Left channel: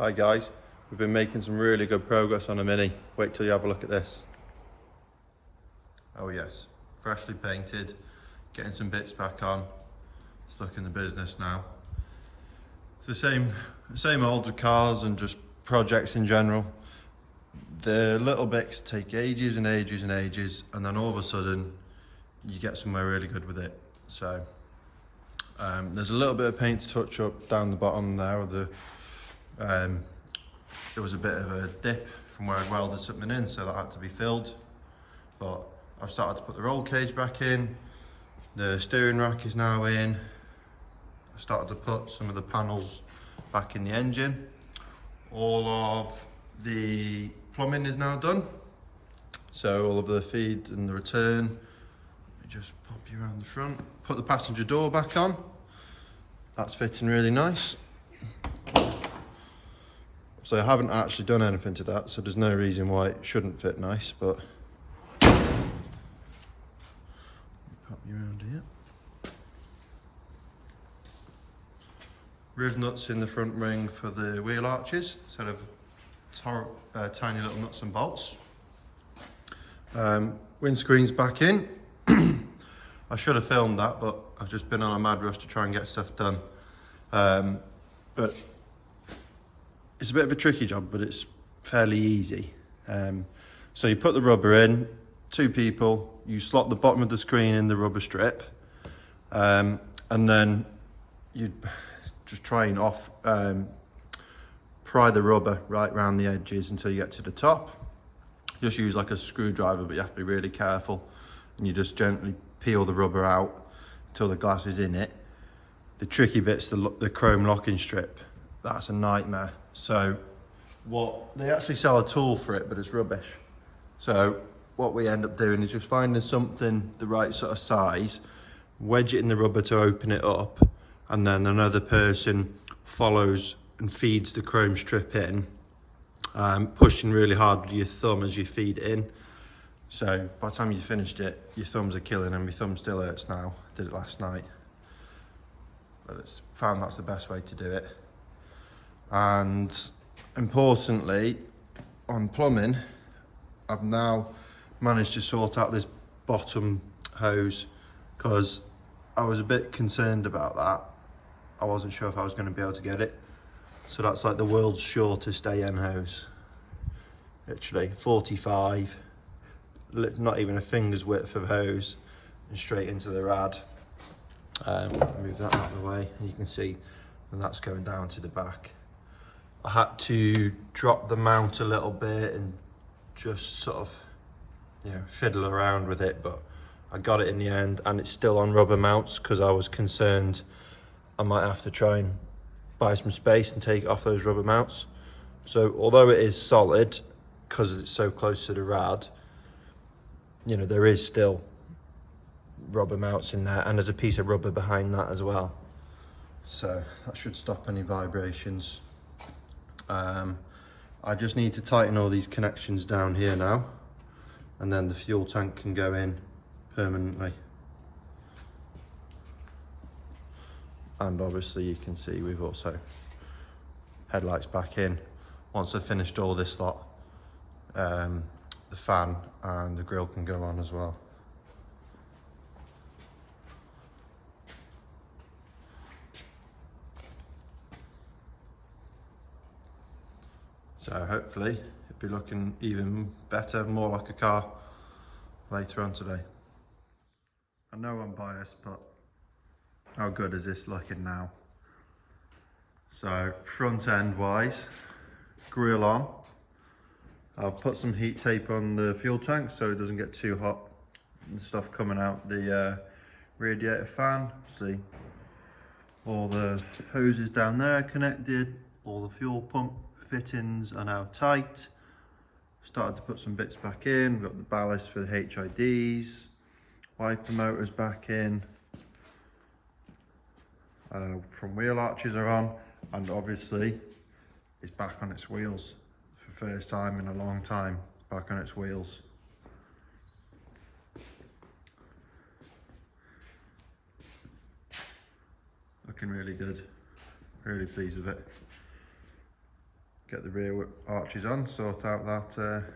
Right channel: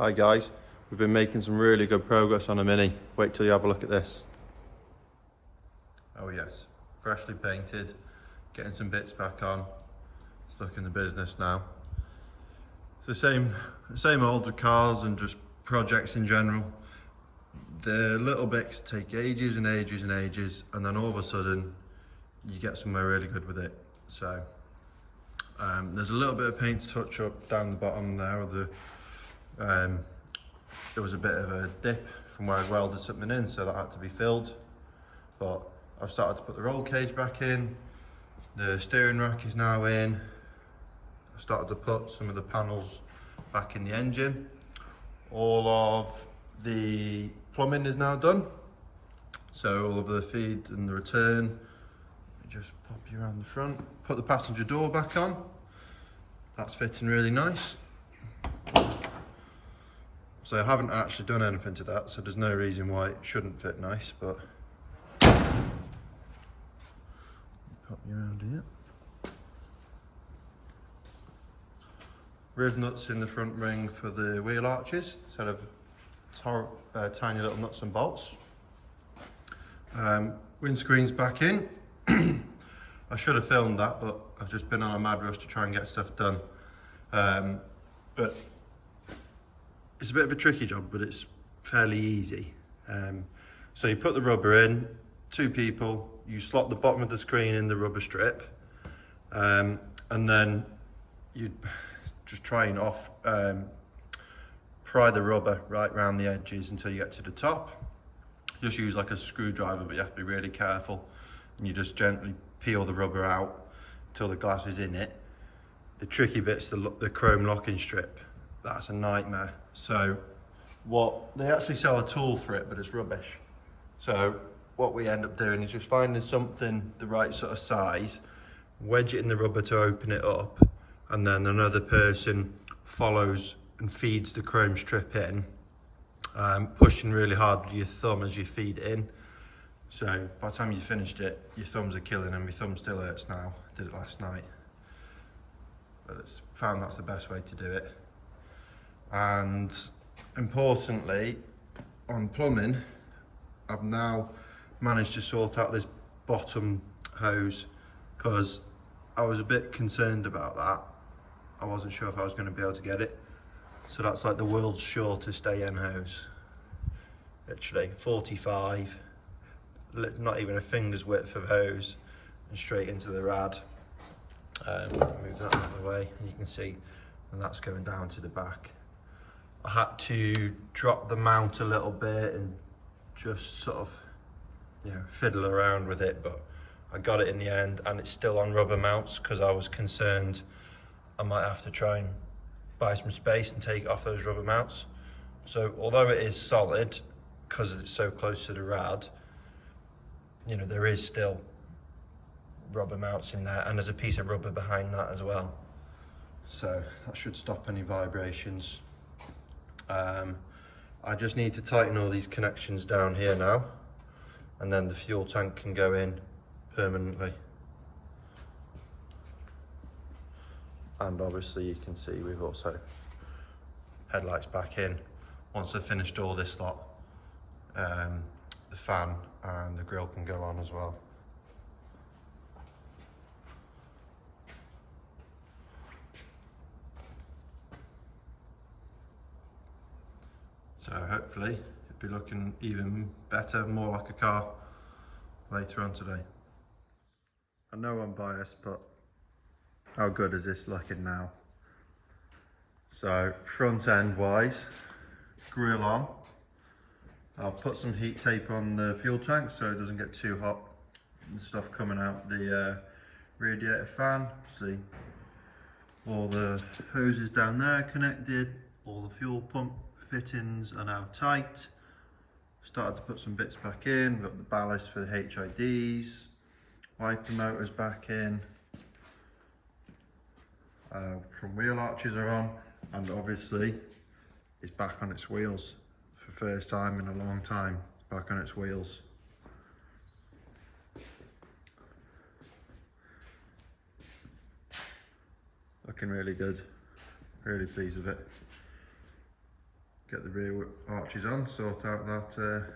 Hi guys, we've been making some really good progress on a Mini. Wait till you have a look at this. Oh yes, freshly painted, getting some bits back on. It's looking the business now. It's the same old with cars and just projects in general. The little bits take ages and ages and ages, and then all of a sudden you get somewhere really good with it. So there's a little bit of paint to touch up down the bottom there of the there was a bit of a dip from where I'd welded something in, so that had to be filled. But I've started to put the roll cage back in, the steering rack is now in. I've started to put some of the panels back in the engine. All of the plumbing is now done. So all of the feed and the return. Let me just pop you around the front. Put the passenger door back on. That's fitting really nice. So I haven't actually done anything to that, so there's no reason why it shouldn't fit nice, but pop you around here. Riv nuts in the front ring for the wheel arches instead of tiny little nuts and bolts. Windscreen's back in. I should have filmed that, but I've just been on a mad rush to try and get stuff done. But it's a bit of a tricky job, but it's fairly easy. So you put the rubber in, 2 people, you slot the bottom of the screen in the rubber strip, and then you just try and pry the rubber right around the edges until you get to the top. Just use like a screwdriver, but you have to be really careful. And you just gently peel the rubber out until the glass is in it. The tricky bit's the chrome locking strip. That's a nightmare. So they actually sell a tool for it, but it's rubbish. So what we end up doing is just finding something the right sort of size, wedge it in the rubber to open it up, and then another person follows and feeds the chrome strip in, pushing really hard with your thumb as you feed it in. So by the time you finished it, your thumbs are killing, and my thumb still hurts now. I did it last night. But it's found that's the best way to do it. And importantly, on plumbing, I've now managed to sort out this bottom hose, because I was a bit concerned about that. I wasn't sure if I was going to be able to get it. So that's like the world's shortest AM hose. Literally 45, not even a finger's width of hose, and straight into the rad. Move that out of the way, and you can see, and that's going down to the back. I had to drop the mount a little bit and just sort of, fiddle around with it, but I got it in the end, and it's still on rubber mounts because I was concerned I might have to try and buy some space and take it off those rubber mounts. So although it is solid, because it's so close to the rad, there is still rubber mounts in there, and there's a piece of rubber behind that as well. So that should stop any vibrations. I just need to tighten all these connections down here now, and then the fuel tank can go in permanently. And obviously you can see we've also headlights back in. Once I've finished all this lot, the fan and the grille can go on as well. So hopefully it'll be looking even better, more like a car later on today. I know I'm biased, but how good is this looking now? So front end wise, grille on. I've put some heat tape on the fuel tank so it doesn't get too hot. The stuff coming out the radiator fan. See, all the hoses down there are connected, all the fuel pump fittings are now tight. Started to put some bits back in. We've got the ballast for the HIDs, wiper motors back in, from wheel arches are on, and obviously it's back on its wheels for the first time in a long time. Back on its wheels. Looking really good, really pleased with it. get the rear arches on, sort out that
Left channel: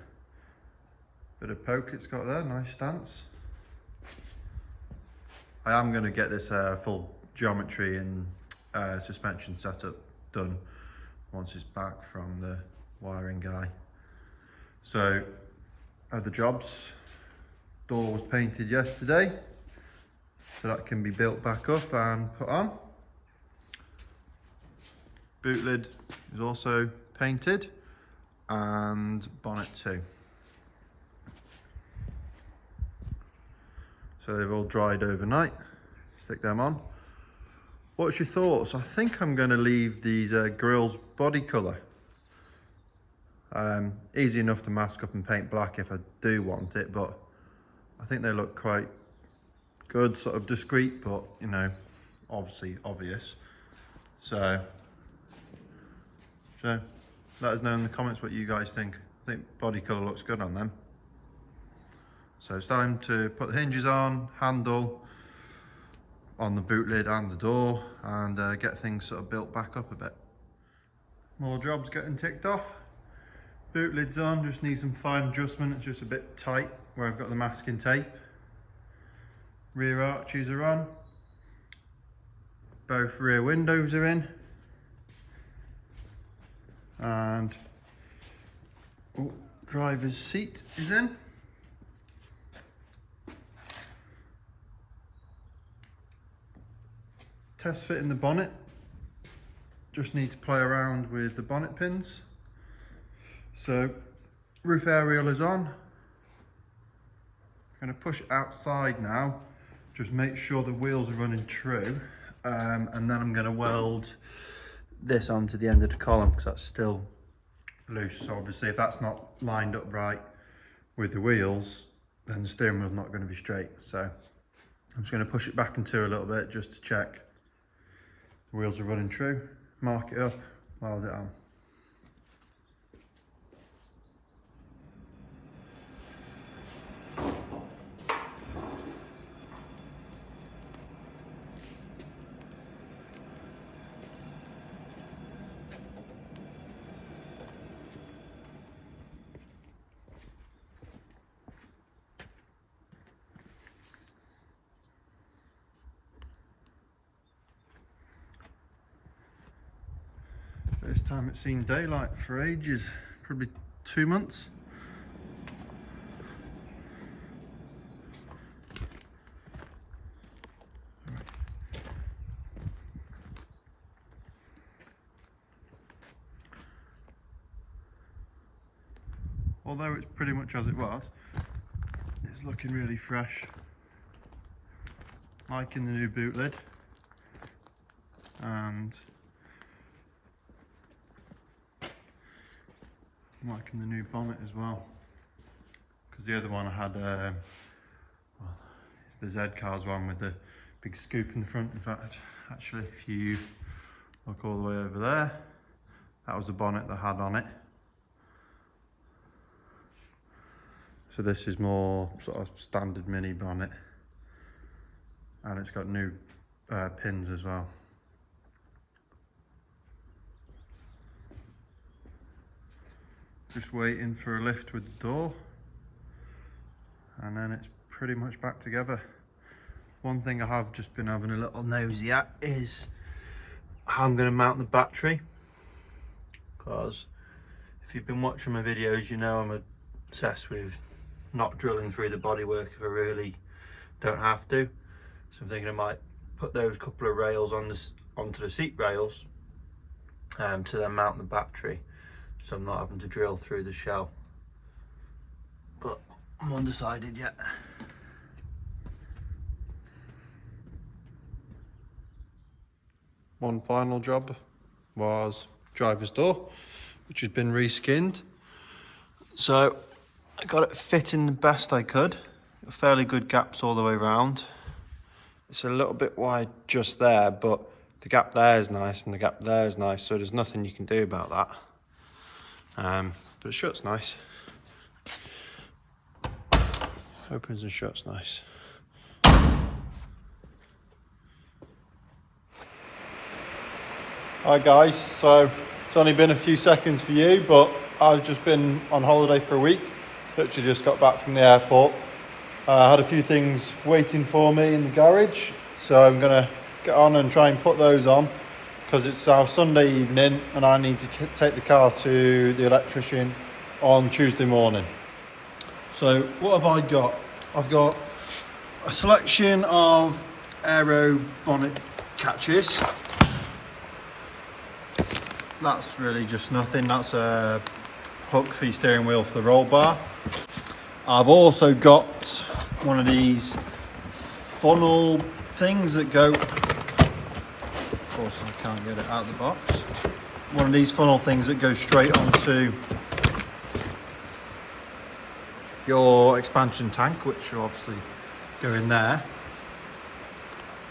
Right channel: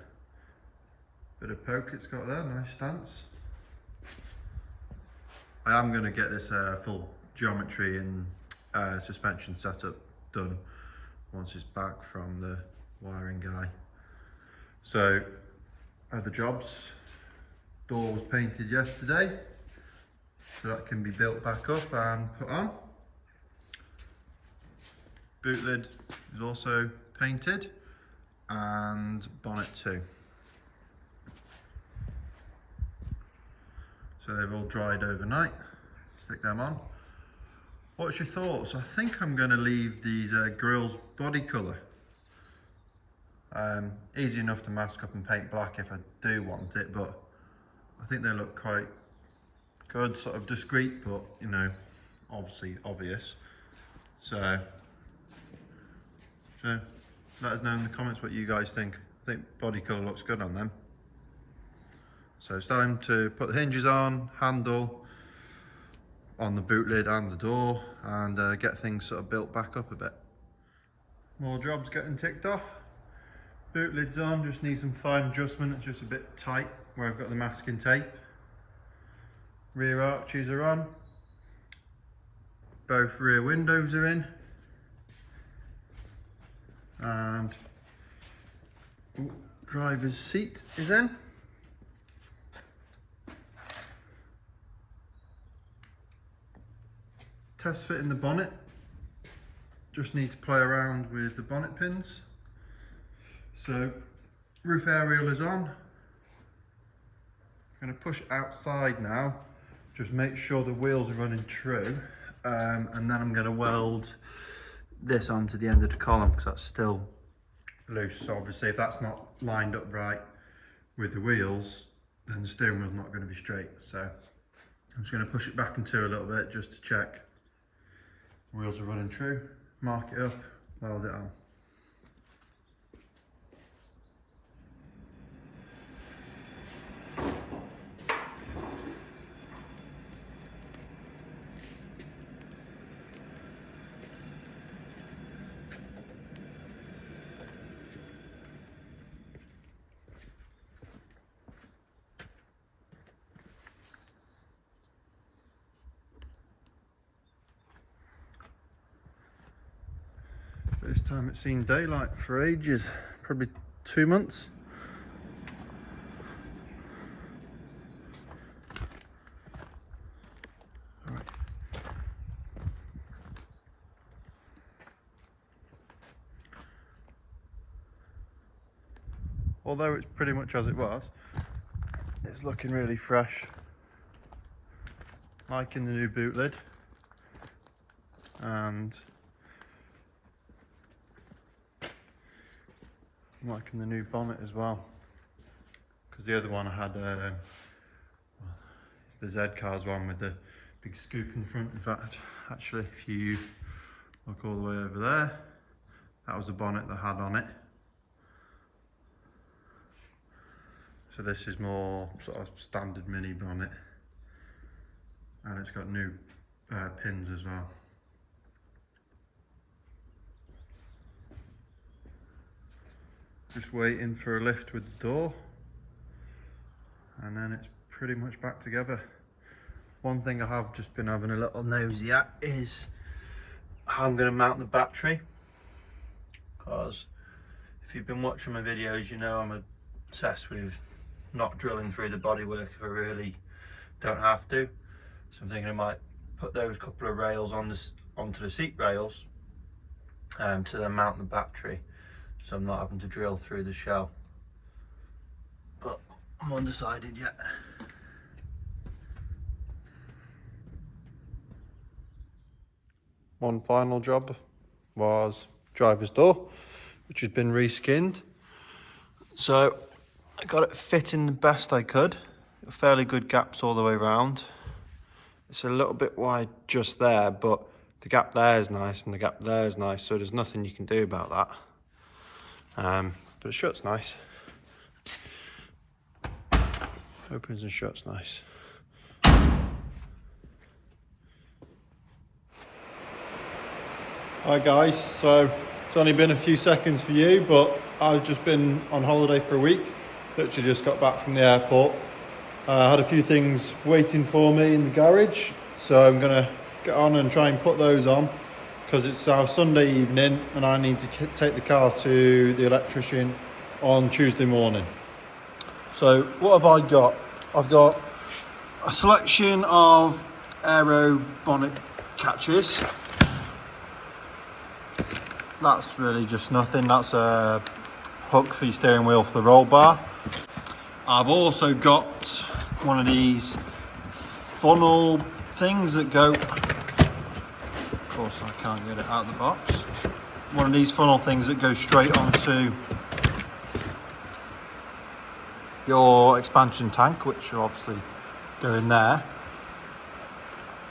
bit of poke it's got there, nice stance. I am going to get this full geometry and suspension setup done once it's back from the wiring guy. So other jobs, door was painted yesterday, so that can be built back up and put on. Boot lid is also painted, and bonnet too. So they've all dried overnight. Stick them on. What's your thoughts? I think I'm going to leave these grills body colour. Easy enough to mask up and paint black if I do want it, but I think they look quite good, sort of discreet, but you know, obviously obvious. So let us know in the comments what you guys think. I think body colour looks good on them. So it's time to put the hinges on, handle on the boot lid and the door, and get things sort of built back up a bit. More jobs getting ticked off. Boot lid's on, just need some fine adjustment. It's just a bit tight where I've got the masking tape. Rear arches are on. Both rear windows are in. And driver's seat is in. Test fitting the bonnet. Just need to play around with the bonnet pins. So roof aerial is on. I'm going to push it outside now. Just make sure the wheels are running true. And then I'm going to weld this onto the end of the column because that's still loose. So obviously if that's not lined up right with the wheels, then the steering wheel's not going to be straight. So I'm just going to push it back into a little bit just to check the wheels are running true. Mark it up, weld it on. First time it's seen daylight for ages, probably 2 months. Right. Although it's pretty much as it was, it's looking really fresh. Liking the new boot lid, and I'm liking the new bonnet as well, because the other one I had, well, it's the Zcar's one with the big scoop in the front. In fact, actually, if you look all the way over there, that was the bonnet that had on it. So this is more sort of standard mini bonnet, and it's got new pins as well. Just waiting for a lift with the door, and then it's pretty much back together. One thing I have just been having a little nosy at is how I'm going to mount the battery, because if you've been watching my videos, you know I'm obsessed with not drilling through the bodywork if I really don't have to. So I'm thinking I might put those couple of rails on onto the seat rails to then mount the battery, so I'm not having to drill through the shell. But I'm undecided yet. One final job was driver's door, which has been reskinned. So I got it fitting the best I could. Fairly good gaps all the way around. It's a little bit wide just there, but the gap there is nice and the gap there is nice, so there's nothing you can do about that. But it shuts nice. Opens and shuts nice. Hi guys, so It's only been a few seconds for you, but I've just been on holiday for a week. Literally just got back from the airport. I had a few things waiting for me in the garage, so I'm gonna get on and try and put those on because it's our Sunday evening and I need to take the car to the electrician on Tuesday morning. So what have I got? I've got a selection of aero bonnet catches. That's really just nothing. That's a hook for your steering wheel for the roll bar. I've also got one of these funnel things that go, of course I can't get it out of the box. One of these funnel things that go straight onto your expansion tank, which will obviously go in there.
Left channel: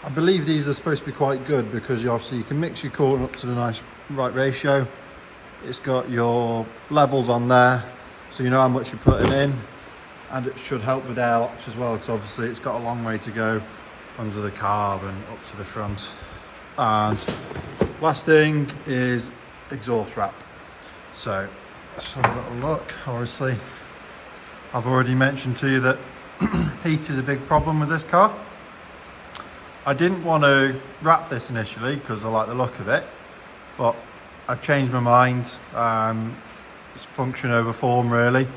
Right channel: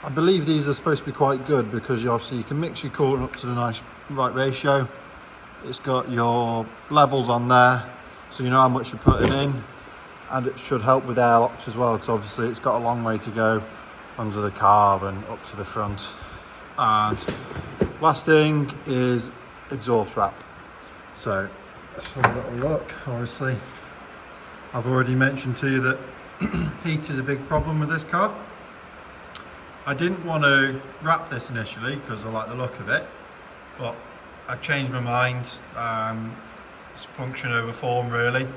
I believe these are supposed to be quite good because obviously you can mix your coolant up to the nice right ratio. It's got your levels on there, so you know how much you're putting in, and it should help with airlocks as well, because obviously it's got a long way to go under the carb and up to the front. And last thing is exhaust wrap. So let's have a little look. Obviously I've already mentioned to you that heat is a big problem with this car. I didn't want to wrap this initially because I like the look of it, but I changed my mind. It's function over form really.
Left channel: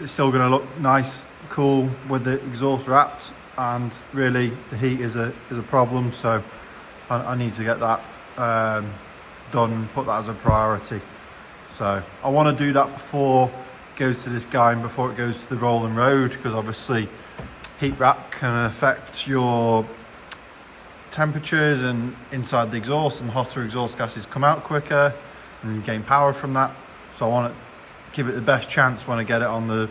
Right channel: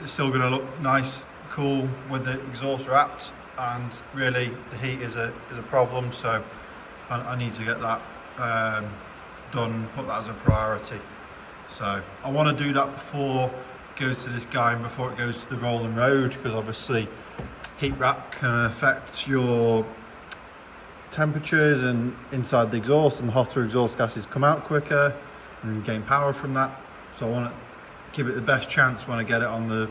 It's still going to look nice, cool with the exhaust wrapped, and really the heat is a problem, so I need to get that done, put that as a priority. So I want to do that before it goes to this guy and before it goes to the rolling road, because obviously heat wrap can affect your temperatures and inside the exhaust, and the hotter exhaust gases come out quicker and you gain power from that. So I want to give it the best chance when I get it on the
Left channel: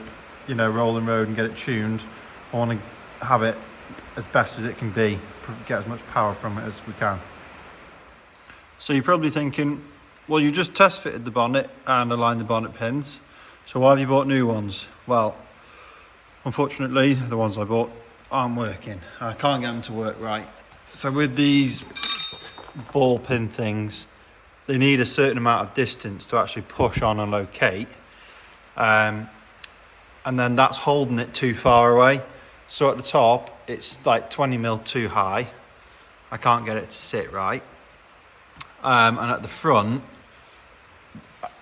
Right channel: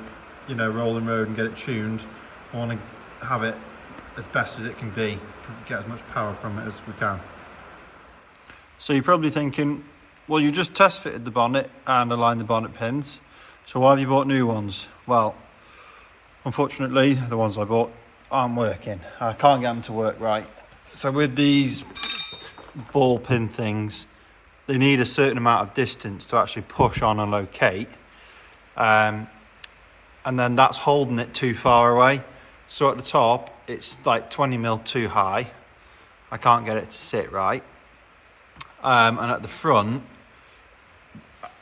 rolling road and get it tuned. I want to have it as best as it can be, get as much power from it as we can. So you're probably thinking, well, you just test fitted the bonnet and aligned the bonnet pins, so why have you bought new ones? Well, unfortunately the ones I bought aren't working. I can't get them to work right. So with these ball pin things, they need a certain amount of distance to actually push on and locate, and then that's holding it too far away. So at the top it's like 20 mil too high. I can't get it to sit right, and at the front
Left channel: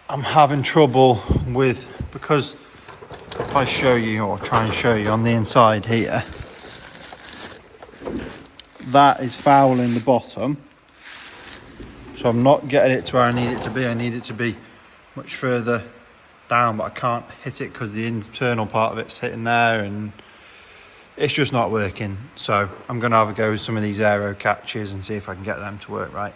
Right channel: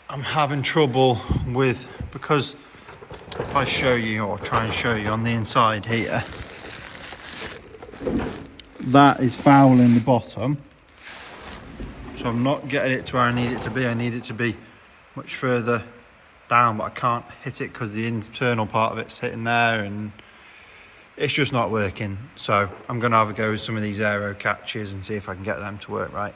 I'm having trouble with, because if I show you, or try and show you on the inside here, that is fouling the bottom, so I'm not getting it to where I need it to be. I need it to be much further down, but I can't hit it because the internal part of it's hitting there and it's just not working. So I'm going to have a go with some of these aero catches and see if I can get them to work right.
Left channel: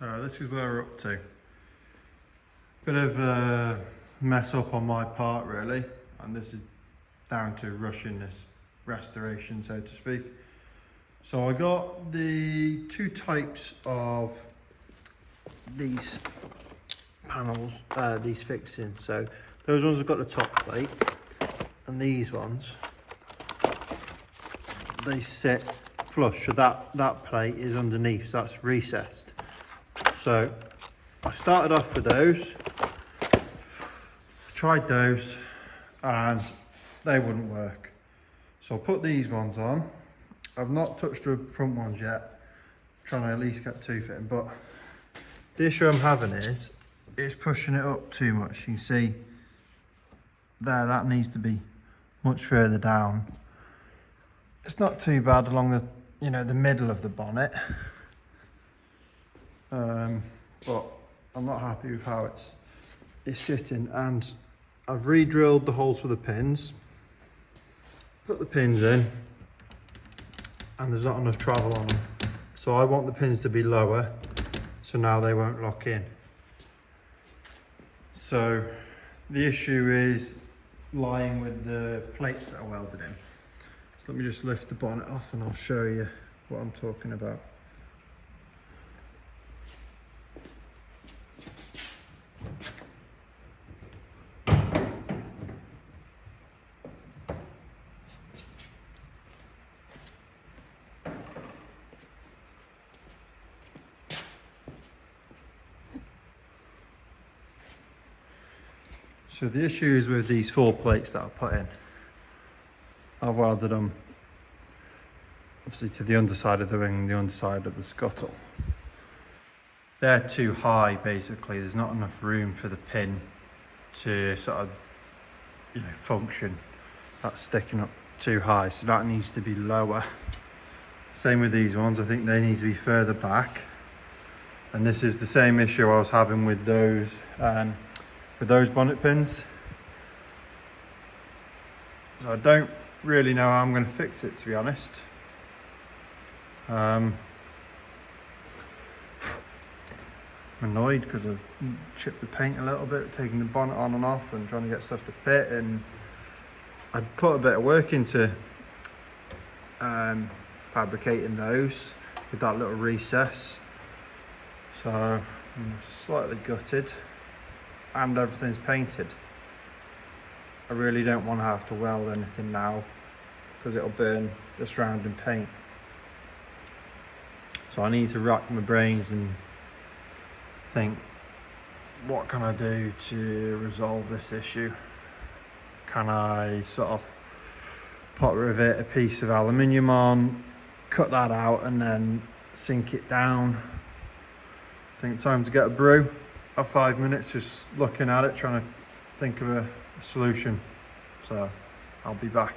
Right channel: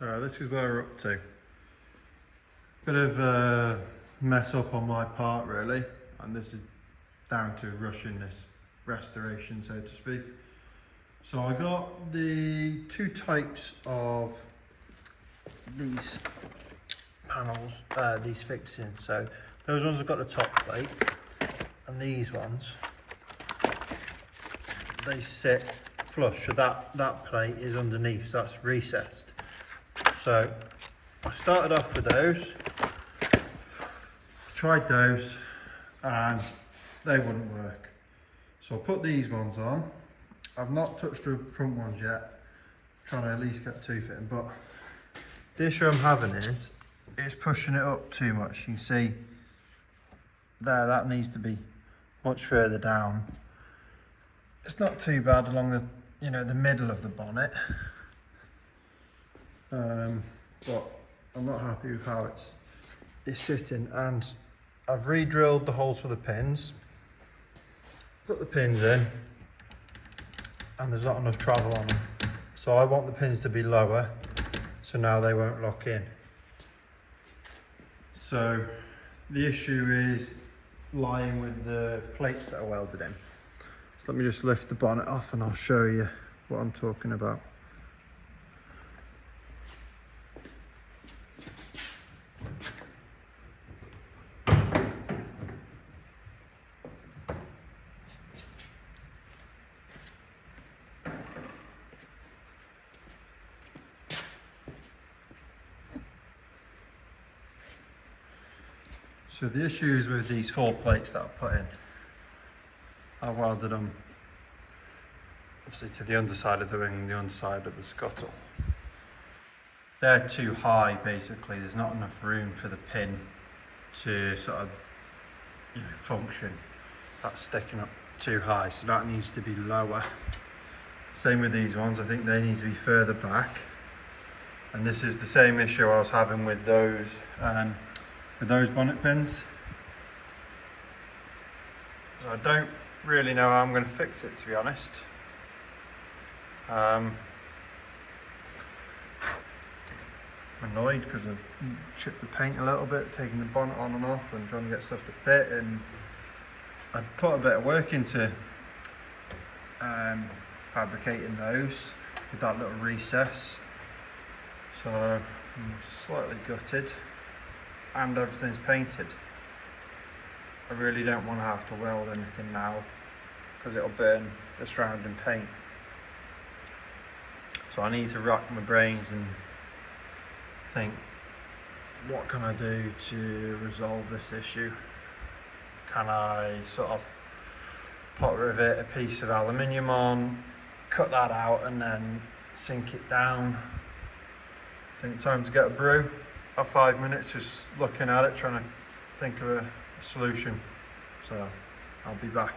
So this is where we're up to. Bit of a mess up on my part really. and this is down to rushing this restoration, so to speak. So I got the two types of these panels, these fixings. So those ones have got the top plate, and these ones, they sit flush, so that plate is underneath, so that's recessed. So I started off with those, tried those, and they wouldn't work. So I put these ones on. I've not touched the front ones yet, trying to at least get two fitting, but the issue I'm having is it's pushing it up too much. You can see there, that needs to be much further down. It's not too bad along the, you know, the middle of the bonnet, but I'm not happy with how it's sitting. And I've re-drilled the holes for the pins, put the pins in, and there's not enough travel on them. So I want the pins to be lower, so now they won't lock in. So the issue is lying with the plates that are welded in. So let me just lift the bonnet off and I'll show you what I'm talking about. So the issue is with these 4 plates that I've put in. I've welded them obviously to the underside of the ring and the underside of the scuttle. They're too high basically, there's not enough room for the pin to sort of, you know, function. That's sticking up too high, so that needs to be lower. Same with these ones, I think they need to be further back. And this is the same issue I was having with those bonnet pins. So I don't really know how I'm going to fix it, to be honest. I'm annoyed because I've chipped the paint a little bit, taking the bonnet on and off and trying to get stuff to fit, and I'd put a bit of work into fabricating those with that little recess. So I'm slightly gutted, and everything's painted. I really don't want to have to weld anything now because it'll burn the surrounding paint. So I need to rack my brains and think, what can I do to resolve this issue? Can I sort of pot rivet a piece of aluminium on, cut that out and then sink it down? I think time to get a brew. Have 5 minutes just looking at it, trying to think of a solution. So I'll be back.